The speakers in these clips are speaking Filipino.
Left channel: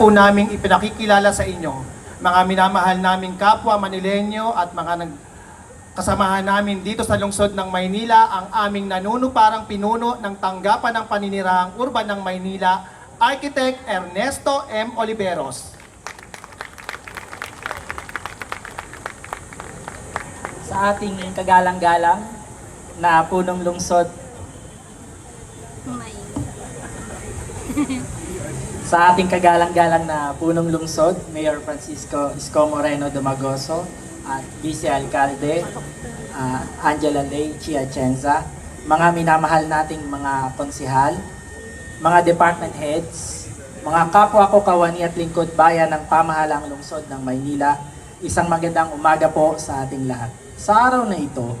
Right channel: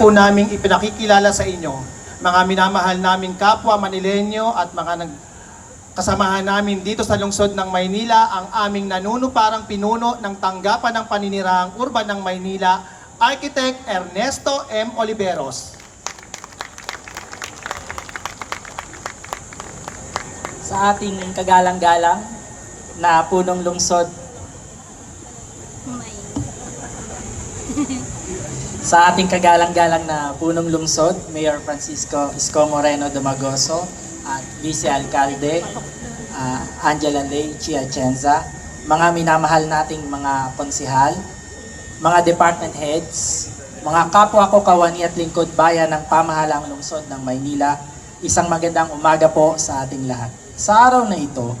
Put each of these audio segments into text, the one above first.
po naming ipinakikilala sa inyo, mga minamahal naming kapwa Manileño at mga kasamahan namin dito sa lungsod ng Maynila, ang aming nanunuparang pinuno ng tanggapan ng paninirahang urban ng Maynila, Architect Ernesto M. Oliveros. Sa ating kagalang-galang na punong lungsod, sa ating kagalang-galang na punong lungsod, Mayor Francisco Isko Moreno Domagoso at Vice Alcalde Angela Ley Chiachenza, mga minamahal nating mga konsihal, mga department heads, mga kapwa ko kawani at lingkod bayan ng pamahalang lungsod ng Maynila, isang magandang umaga po sa ating lahat. Sa araw na ito,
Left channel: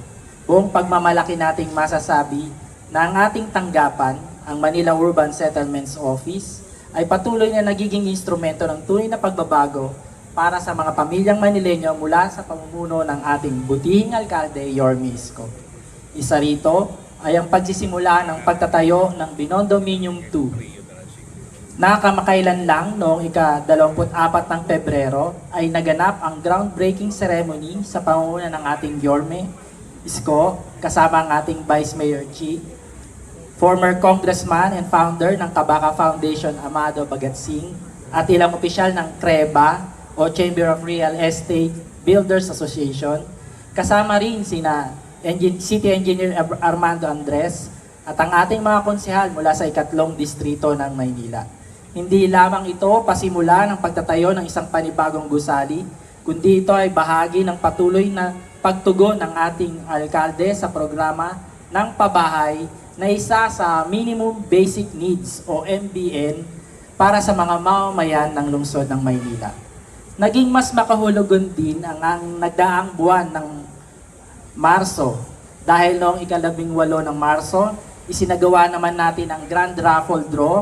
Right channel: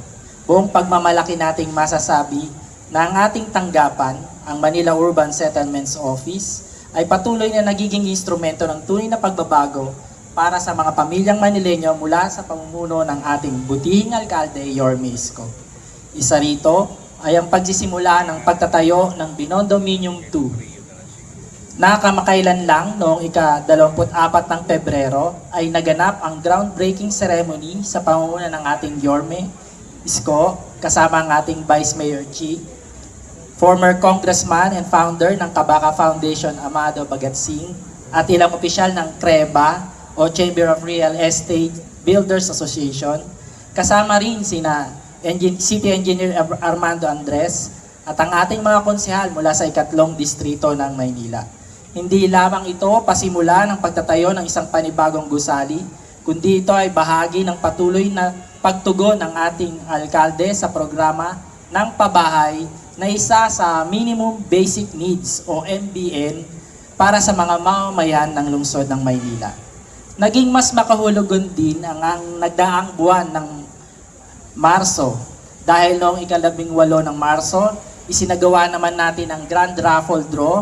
buong pagmamalaki nating masasabi na ang ating tanggapan, ang Manila Urban Settlements Office, ay patuloy na nagiging instrumento ng tunay na pagbabago para sa mga pamilyang Manileño mula sa pamumuno ng ating butihing alkalde, Yorme Isko. Isa rito ay ang pagsisimula ng pagtatayo ng Binondominium 2. Nakamakailan lang noong ika-24 ng Pebrero ay naganap ang groundbreaking ceremony sa pamumuno ng ating Yorme Isko kasama ang ating Vice Mayor Chi, former congressman and founder ng Kabaka Foundation Amado Bagatsing at ilang opisyal ng CREBA o Chamber of Real Estate Builders Association, kasama rin sina City Engineer Armando Andres at ang ating mga konsehal mula sa ikatlong distrito ng Maynila. Hindi lamang ito pasimula ng pagtatayo ng isang panibagong gusali, kundi ito ay bahagi ng patuloy na pagtugon ng ating alkalde sa programa ng pabahay na isa sa Minimum Basic Needs o MBN para sa mga mamamayan ng lungsod ng Maynila. Naging mas makahulugan din ang nagdaang buwan ng Marso dahil noong ika-18 ng Marso, isinagawa naman natin ang Grand Raffle Draw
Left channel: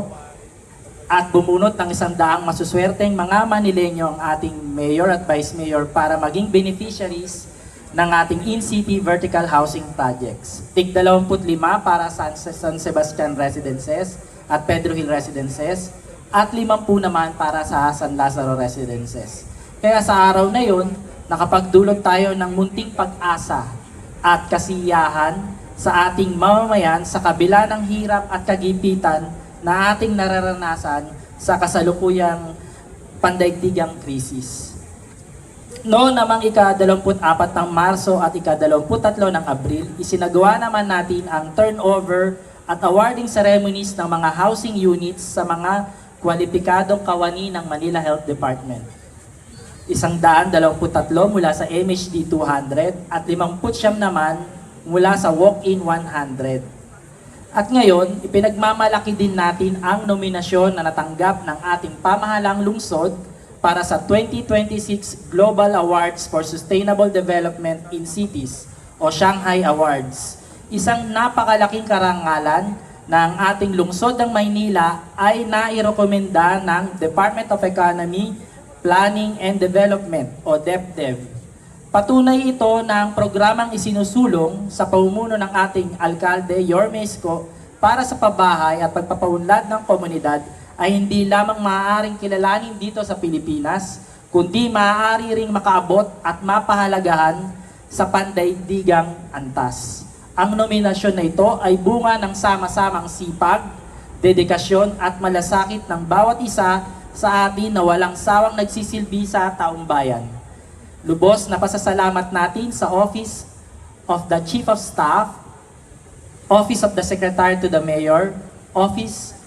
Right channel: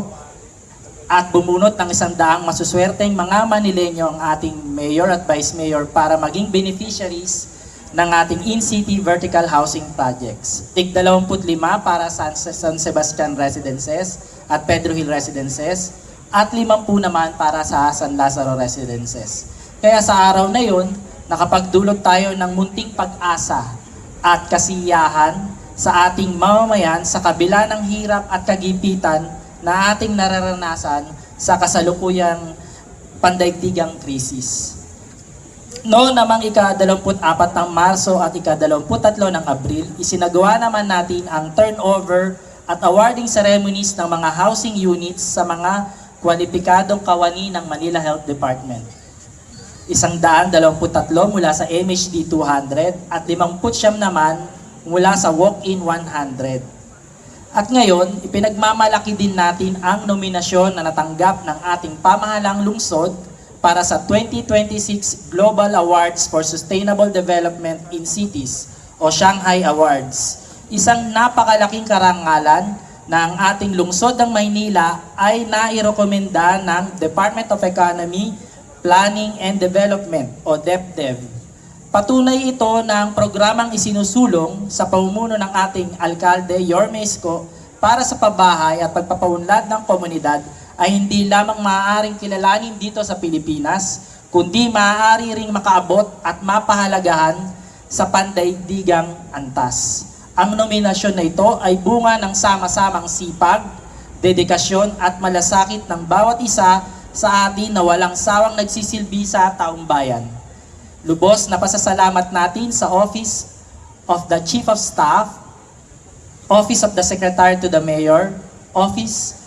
at bumunot ng 100 masuswerteng mga Manileño ang ating Mayor at Vice Mayor para maging beneficiaries ng ating in-city vertical housing projects. Tig 25 para sa San Sebastian Residences at Pedro Hill Residences at 50 naman para sa San Lazaro Residences. Kaya sa araw na yun, nakapagdulot tayo ng munting pag-asa at kasiyahan sa ating mamamayan sa kabila ng hirap at kagipitan na ating nararanasan sa kasalukuyang pandaigdigang krisis. Noong namang ika-24 ng Marso at ika-23 ng Abril, isinagawa naman natin ang turnover at awarding ceremonies ng mga housing units sa mga kwalipikadong kawani ng Manila Health Department. 123 mula sa MHD 200 at 59 naman mula sa walk-in 100. At ngayon, ipinagmamalaki din natin ang nominasyon na natanggap ng ating pamahalang lungsod para sa 2026 Global Awards for Sustainable Development in Cities o Shanghai Awards. Isang napakalaking karangalan na ang ating lungsod ng Maynila ay nairekomenda ng Department of Economy, Planning and Development o DepDev. Patunay ito ng programang isinusulong sa pamumuno ng ating alkalde, Yorme Isko, para sa pabahay at pagpapaunlad ng komunidad ay hindi lamang maaaring kilalanin dito sa Pilipinas, kundi maaari ring makaabot at mapahalagahan sa pandaigdigang antas. Ang nominasyon na ito ay bunga ng sama-samang sipag, dedikasyon at malasakit ng bawat isa sa atin na walang sawang nagsisilbi sa taong bayan. Lubos na pasasalamat natin sa Office of the Chief of Staff, Office of the Secretary to the Mayor, Office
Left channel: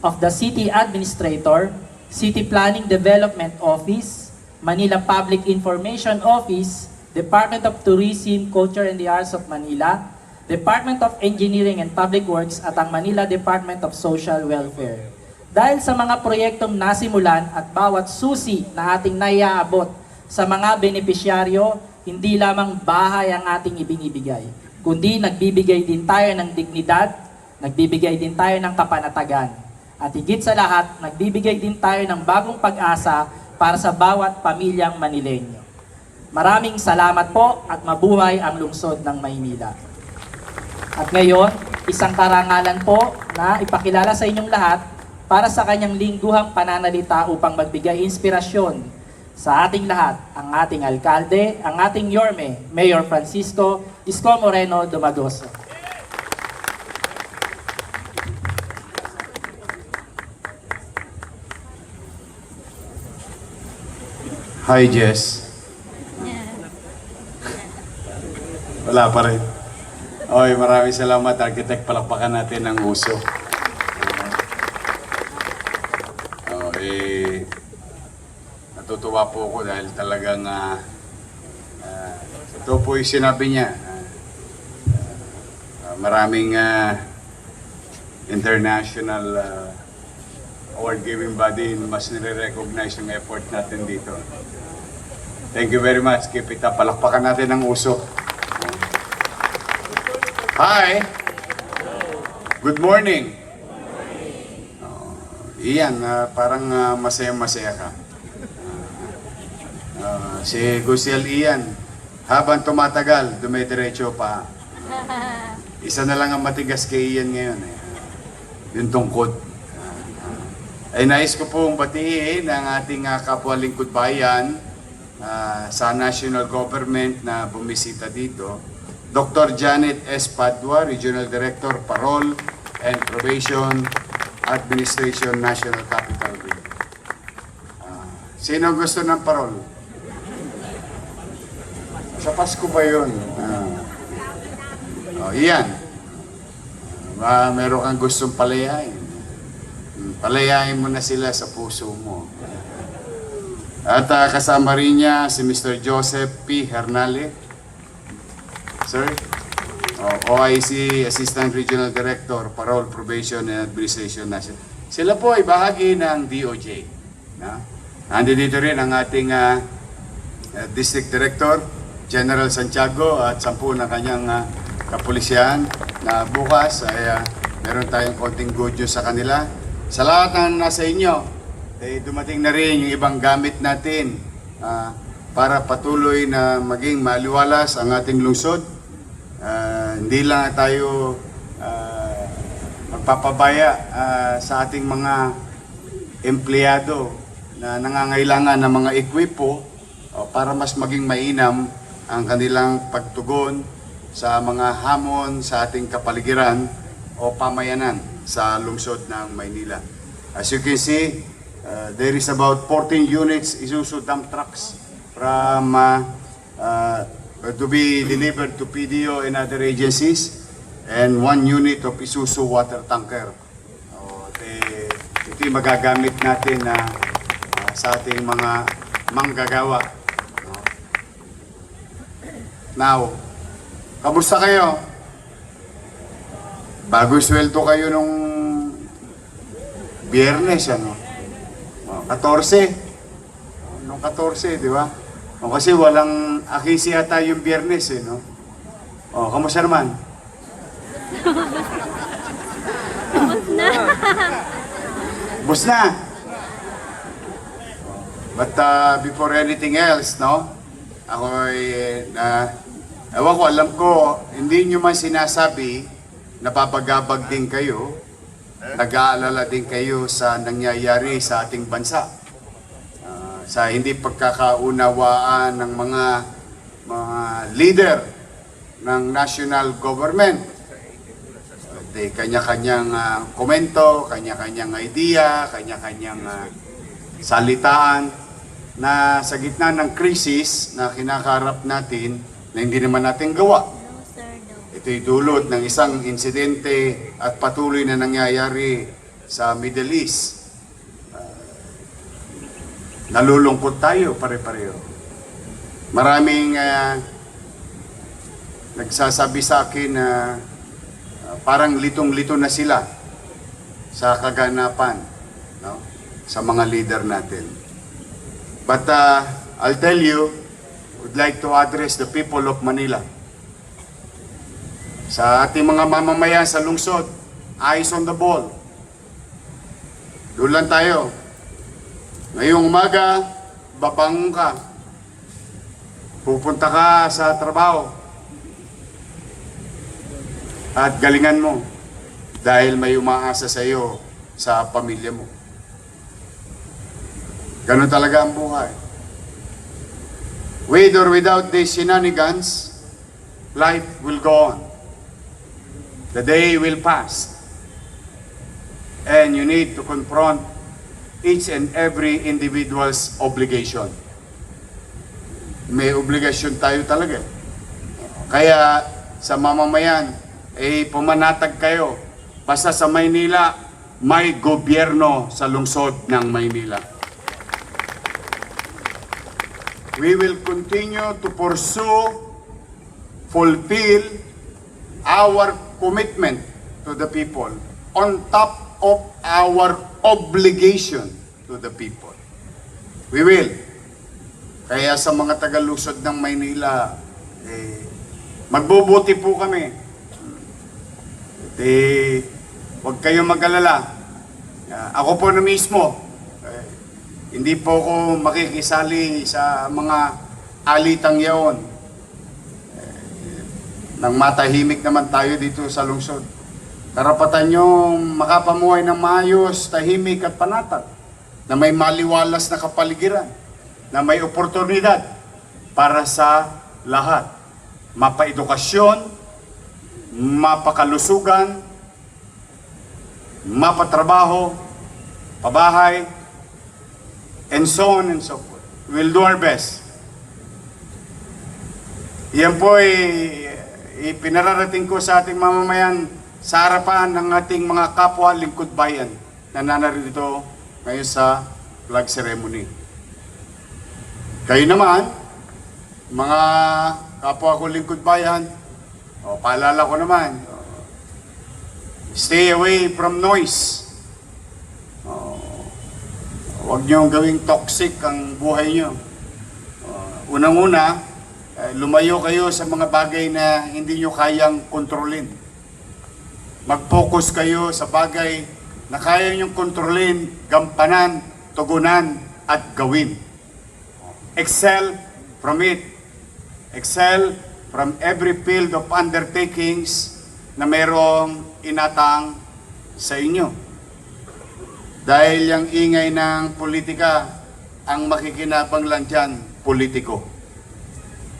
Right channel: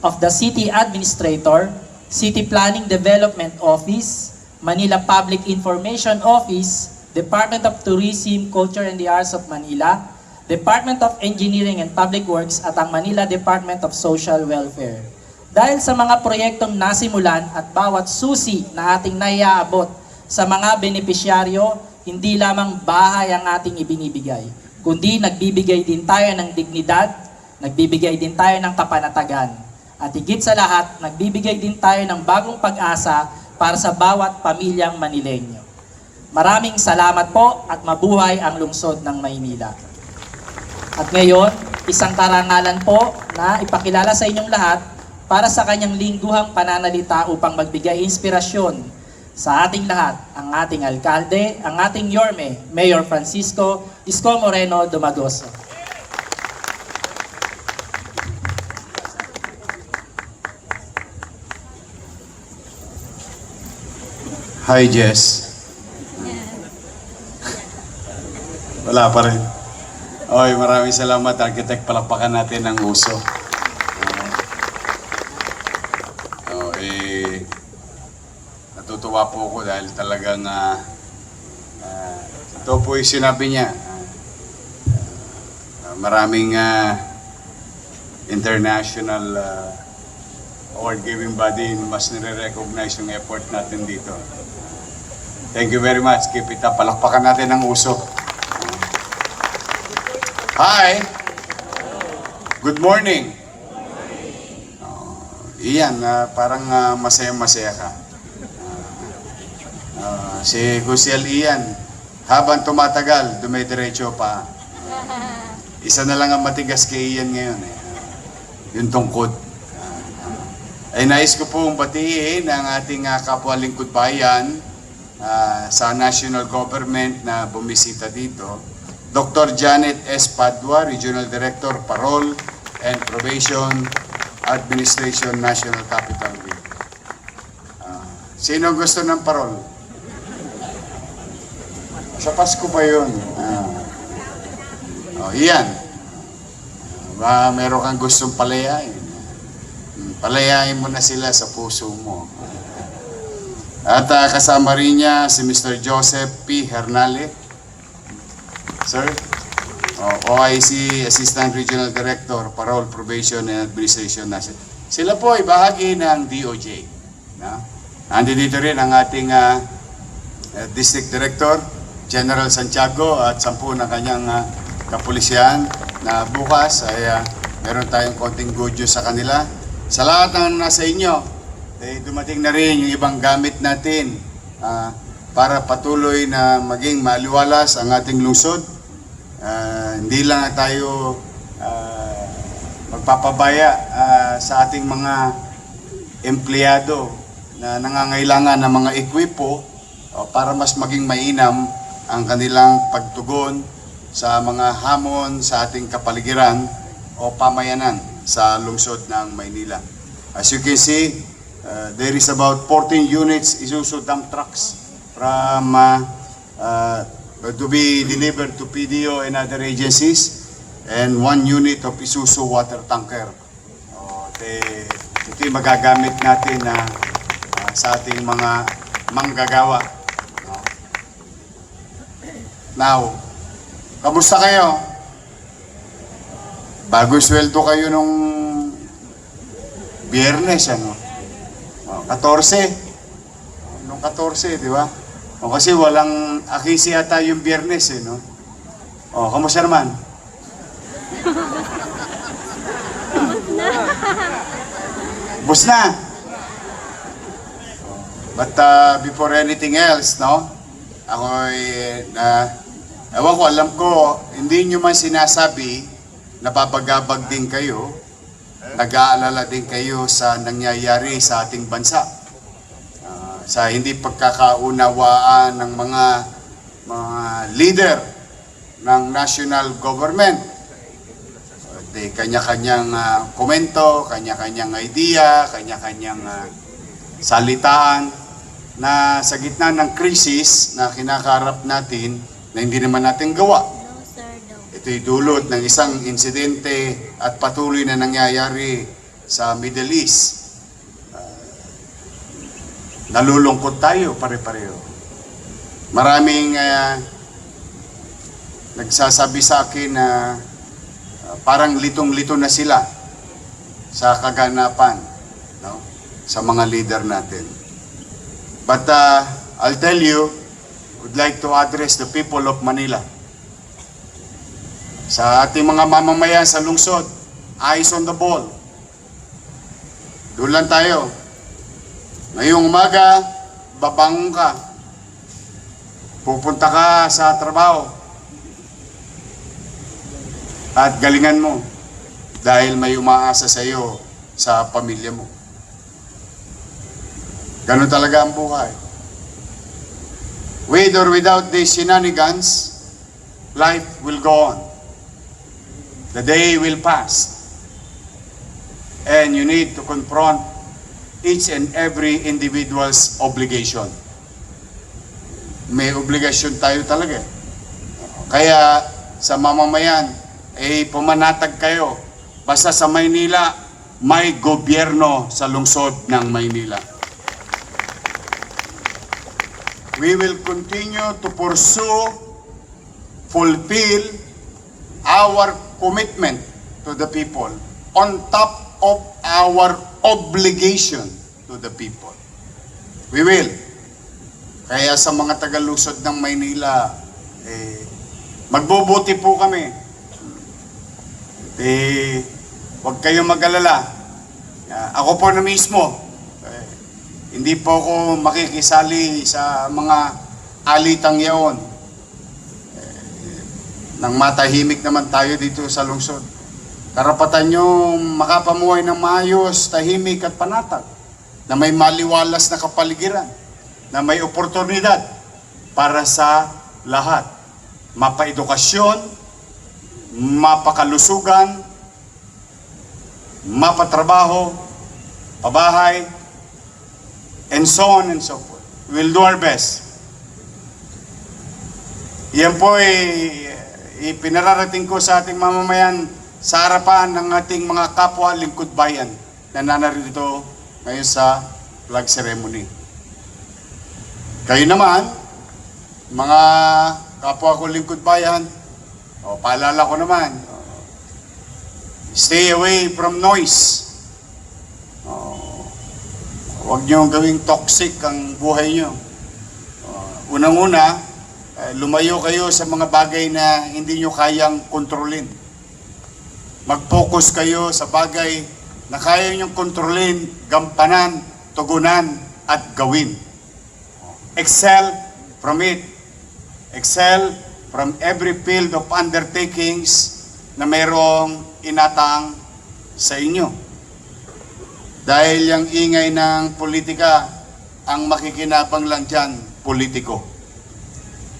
of the City Administrator, City Planning Development Office, Manila Public Information Office, Department of Tourism, Culture and the Arts of Manila, Department of Engineering and Public Works at ang Manila Department of Social Welfare. Dahil sa mga proyektong nasimulan at bawat susi na ating naiaabot sa mga benepisyaryo, hindi lamang bahay ang ating ibinibigay, kundi nagbibigay din tayo ng dignidad, nagbibigay din tayo ng kapanatagan. At higit sa lahat, nagbibigay din tayo ng bagong pag-asa para sa bawat pamilyang Manileño. Maraming salamat po at mabuhay ang lungsod ng Maynila. At ngayon, isang karangalan po na ipakilala sa inyong lahat para sa kanyang lingguhang pananalita upang magbigay inspirasyon sa ating lahat, ang ating alkalde, ang ating Yorme, Mayor Francisco Isko Moreno Dumagoso. Hi, Jess. Wala pa rin. Oy, maraming salamat, Architect. Palakpakan natin ang uso. Natutuwa po ako dahil talagang ito po yung sinabi niya. Maraming international award-giving body mas nire-recognize yung effort natin dito. Thank you very much. Keep it up. Palakpakan natin ang uso. Hi! Good morning! Iyan, parang masaya-masaya ka. Si Gusiel Ian, habang tumatagal, dumidiretso pa. Isa na lang ang matigas kay Ian ngayon. Yung tungkod. Ay nais ko pong batiin ang ating kapwa lingkod bayan sa national government na bumisita dito. Dr. Janet S. Padua, Regional Director, Parole and Probation Administration, National Capital Region. Sino gusto ng parole? Sa Pasko pa yun. Iyan. Meron kang gustong palayain. Palayain mo na sila sa puso mo. At kasama rin niya si Mr. Joseph P. Hernale. Sir, OIC Assistant Regional Director, Parole, Probation and Administration National. Sila po ay bahagi ng DOJ. Nandito rin ang ating District Director, General Santiago, at 10 ng kanyang kapulisyan na bukas ay meron tayong konting good news sa kanila. Sa lahat ng nasa inyo, dumating na rin yung ibang gamit natin para patuloy na maging maliwalas ang ating lungsod. Hindi lang tayo magpapabaya sa ating mga empleyado na nangangailangan ng mga ekwipo para mas maging mainam ang kanilang pagtugon sa mga hamon sa ating kapaligiran o pamayanan sa lungsod ng Maynila. As you can see, there is about 14 units Isuzu dump trucks from to be delivered to PDO and other agencies, and 1 unit of Isuzu water tanker. Ito yung magagamit natin sa ating mga manggagawa. Now, kamusta kayo? Bago sweldo kayo nung Biyernes, ano? 14. Nung 14, di ba? O kasi walang akisi ata yung Biyernes, no? O, kamusta naman? Bus na. But before anything else, no? Ako ay, ewan ko, alam ko, hindi nyo man sinasabi, napapagabag din kayo, nag-aalala din kayo sa nangyayari sa ating bansa. Sa hindi pagkakaunawaan ng mga leader ng national government. Kanya-kanyang komento, kanya-kanyang idea, kanya-kanyang salitaan na sa gitna ng krisis na kinakaharap natin na hindi naman natin gawa. Ito'y dulot ng isang insidente at patuloy na nangyayari sa Middle East. Nalulungkot tayo pare-pareho. Maraming nagsasabi sa akin na parang litong-lito na sila sa kaganapan, no? Sa mga leader natin. But I'll tell you, would like to address the people of Manila. Sa ating mga mamamayan sa lungsod, eyes on the ball. Doon lang tayo. Ngayong umaga, babangon ka. Pupunta ka sa trabaho. At galingan mo. Dahil may umaasa sa iyo sa pamilya mo. Ganun talaga ang buhay. With or without these shenanigans, life will go on. The day will pass. And you need to confront each and every individual's obligation. May obligasyon tayo talaga. Kaya sa mamamayan, pumanatag kayo. Basta sa Maynila, may gobyerno sa lungsod ng Maynila. We will continue to pursue, fulfill our commitment to the people on top of our obligation to the people. We will. Kaya sa mga taga-lungsod ng Maynila, magbubuti po kami. Huwag kayong mag-alala. Ako po na mismo, hindi po ako makikisali sa mga alitang yaon. Nang matahimik naman tayo dito sa lungsod. Karapatan nyo makapamuhay ng maayos, tahimik at panatag. Na may maliwalas na kapaligiran. Na may oportunidad para sa lahat. Mapaedukasyon, mapakalusugan, mapatrabaho, pabahay, and so on and so forth. We'll do our best. Yan po ipinararating ko sa ating mamamayan sa harapan ng ating mga kapwa lingkod bayan na nanarito ngayon sa flag ceremony. Kayo naman, mga kapwa ko lingkod bayan, paalala ko naman, stay away from noise. Huwag nyo gawing toxic ang buhay nyo. Unang-una, lumayo kayo sa mga bagay na hindi nyo kayang kontrolin. Mag-focus kayo sa bagay na kaya nyo kontrolin, gampanan, tugunan, at gawin. Excel from it. Excel from every field of undertakings na merong inatang sa inyo. Dahil yung ingay ng politika, ang makikinabang lang dyan, politiko.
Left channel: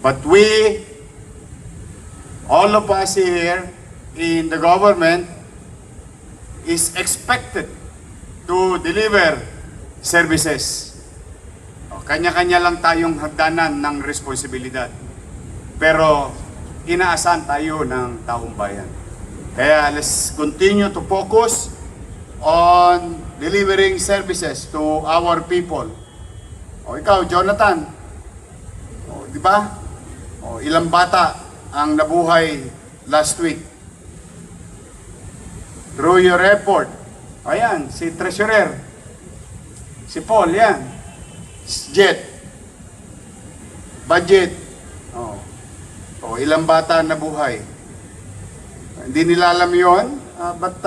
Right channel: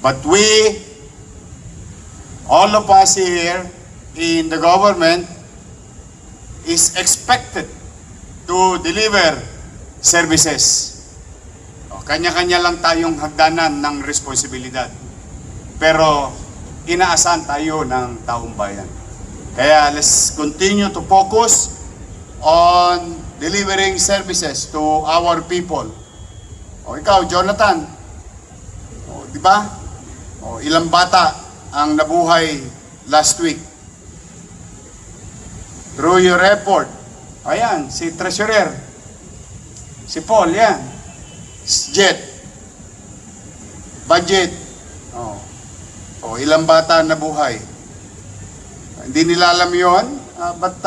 But we, all of us here in the government, is expected to deliver services. Kanya-kanya lang tayong hagdanan ng responsibilidad. Pero inaasahan tayo ng taong bayan. Kaya let's continue to focus on delivering services to our people. Ikaw, Jonathan, di ba? Ilang bata ang nabuhay last week. Through your effort. Ayan, si Treasurer. Si Paul, yan. Jet. Budget. Ilang bata nabuhay. Hindi nila alam yun, but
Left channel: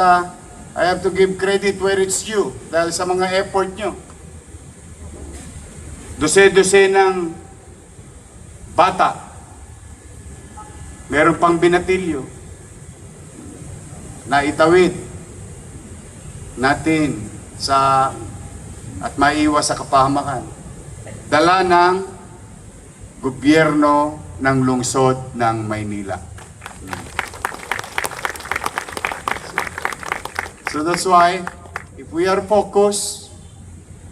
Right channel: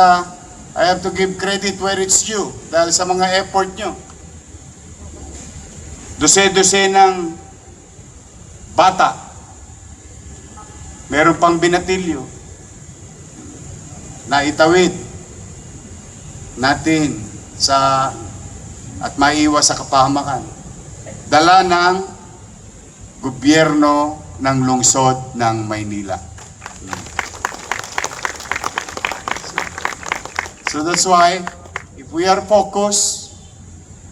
I have to give credit where it's due dahil sa mga effort nyo. Dose-dose ng bata. Meron pang binatilyo na itawid natin sa at maiwas sa kapahamakan. Dala ng gobyerno ng lungsod ng Maynila. So that's why, if we are focused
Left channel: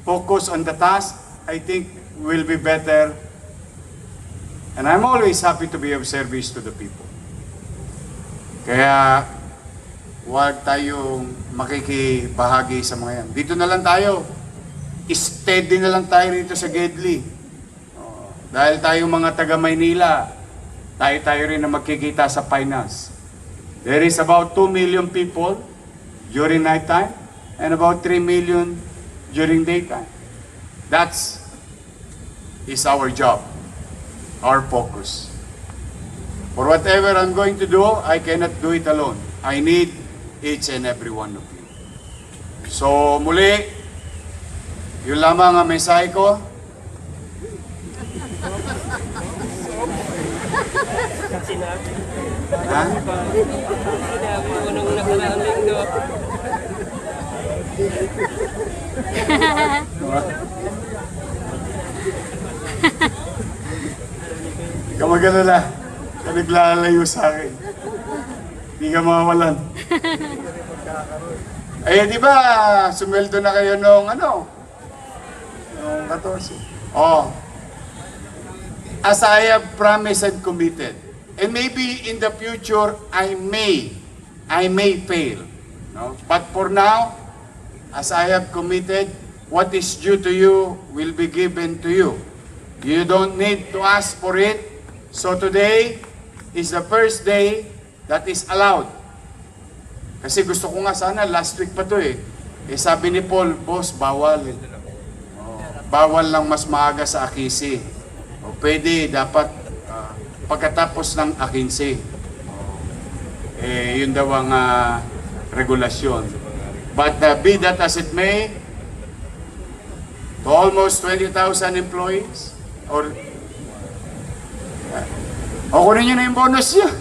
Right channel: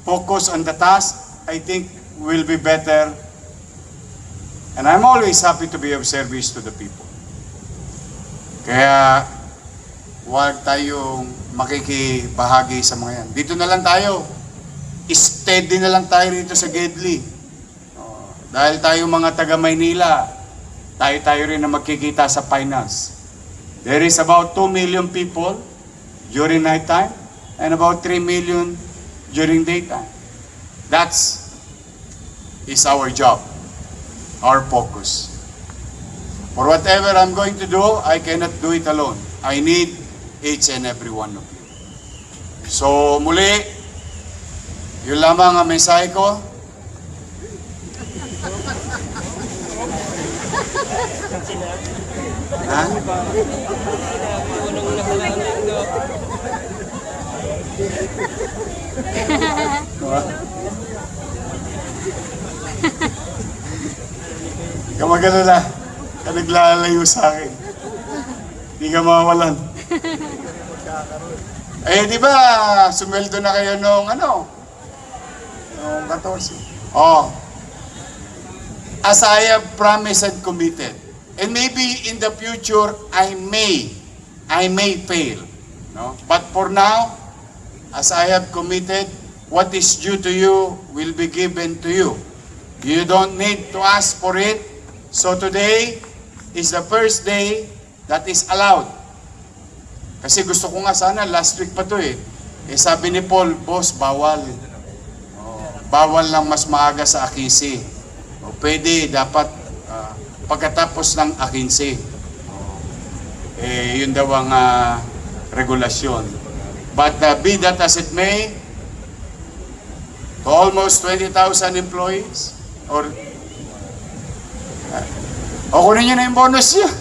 on the task, I think we'll be better. And I'm always happy to be of service to the people. Kaya, huwag tayong makikibahagi sa mga yan. Dito na lang tayo. Steady na lang tayo dito sa Gedli. Dahil tayo mga taga Maynila, tayo rin na magkikita sa finance. There is about 2 million people during night time and about 3 million during daytime. That's is our job, our focus. For whatever I'm going to do, I cannot do it alone. I need each and every one of you. So muli, yun lamang ang mensahe ko. Ha? Hindi ka mag-alala. Ka naglalayo sa akin. Hindi ka mawawalan. Eh, di ba, sumweldo na kayo nung ano? Nung 14. Oh. As I have promised and committed. And maybe in the future, I may fail. No? But for now, as I have committed, what is due to you will be given to you. You don't need to ask for it. So today is the first day that is allowed. Kasi gusto ko nga sana, last week pa to eh. Eh sabi ni Paul, boss, bawal. Bawal lang mas maaga sa Akisi. O pwede, dapat pagkatapos ng Akinsi. Eh, yun daw ang regulasyon. But be that as it may, to almost 20,000 employees, or kunin nyo na yung bonus niya.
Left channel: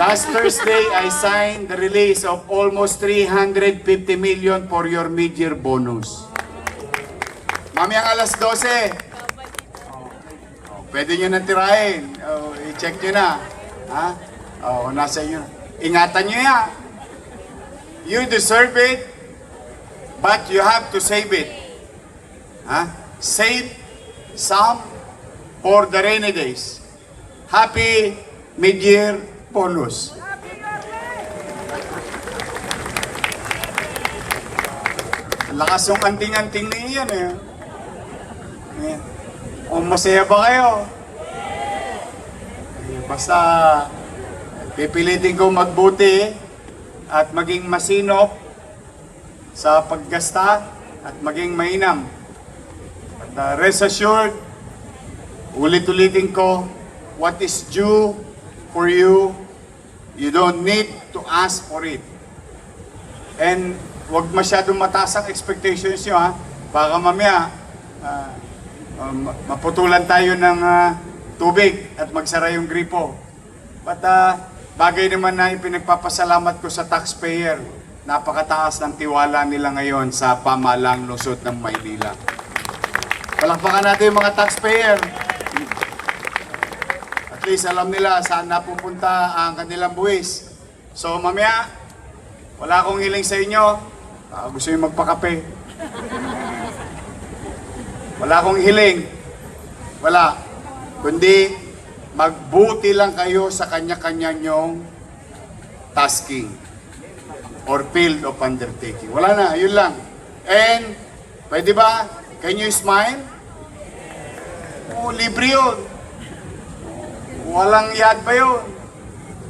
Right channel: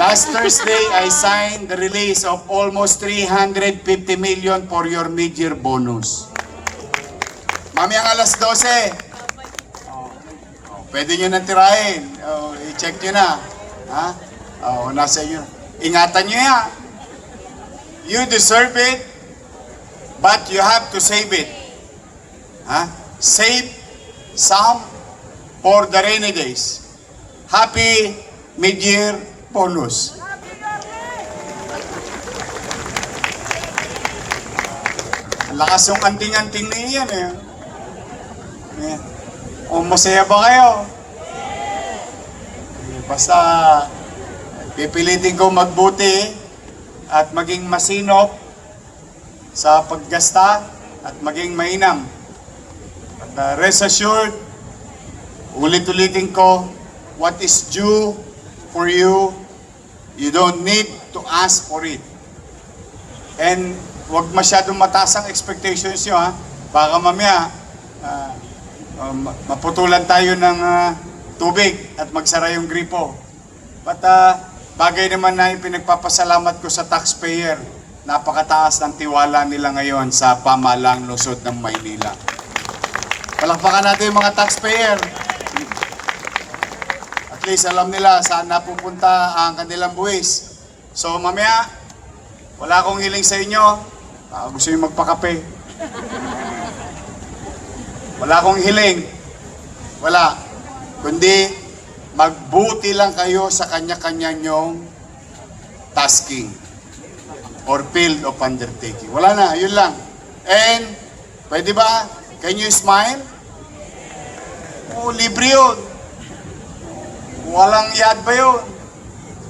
Last Thursday, I signed the release of almost 350 million for your mid-year bonus. Mamayang alas 12. Pwede nyo na tirahin. I-check nyo na. Ha? Nasa inyo. Ingatan nyo yan. You deserve it, but you have to save it. Ha? Save some for the rainy days. Happy mid-year bonus. Lakas yung anting-anting na iyan eh. O masaya ba kayo? Basta pipilitin ko magbuti at maging masinop sa paggasta at maging mainam. At rest assured, ulit-ulitin ko, what is due for you, you don't need to ask for it. And huwag masyadong mataas ang expectations nyo ha. Baka mamaya, maputulan tayo ng tubig at magsara yung gripo. But bagay naman na pinagpapasalamat ko sa taxpayer. Napakataas ng tiwala nila ngayon sa pamahalang lungsod ng Maynila. Palakpakan natin yung mga taxpayer. At least alam nila saan napupunta ang kanilang buwis. So mamaya, wala akong hiling sa inyo. Gusto nyo magpakape. Wala akong hiling. Wala. Kundi magbuti lang kayo sa kanya-kanya nyong tasking or field of undertaking. Wala na, yun lang. And, pwede ba? Can you smile? Libre yun. Walang yad pa yun.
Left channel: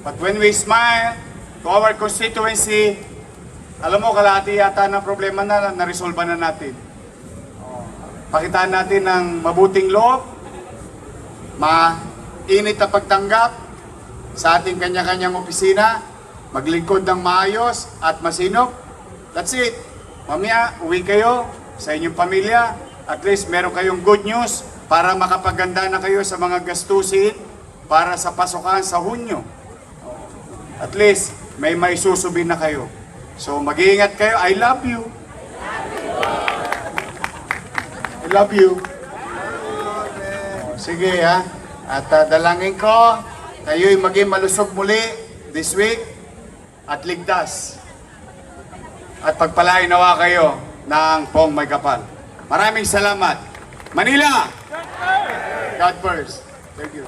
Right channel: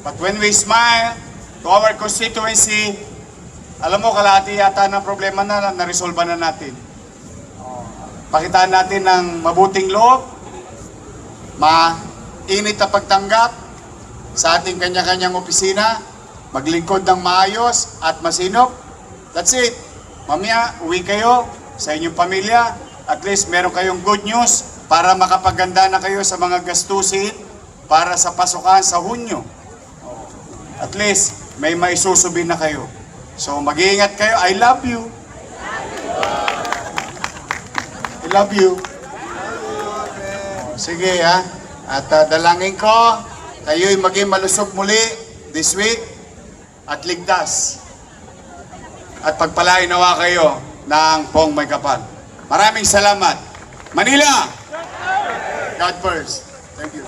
But when we smile to our constituency, alam mo, kalahati yata ng problema na resolve na natin. Pakitaan natin ng mabuting loob, mainit na pagtanggap sa ating kanya-kanyang opisina, maglingkod ng maayos at masinop. That's it. Mamaya, uwi kayo sa inyong pamilya. At least meron kayong good news para makapaganda na kayo sa mga gastusin para sa pasukan sa Hunyo. At least, may maisusubin na kayo. So, mag-iingat kayo. I love you. I love you. Sige ha. At dalangin ko, kayo'y maging malusog muli this week at ligtas. At pagpalain nawa kayo ng Pong May Kapal. Maraming salamat. Manila! God first. Thank you.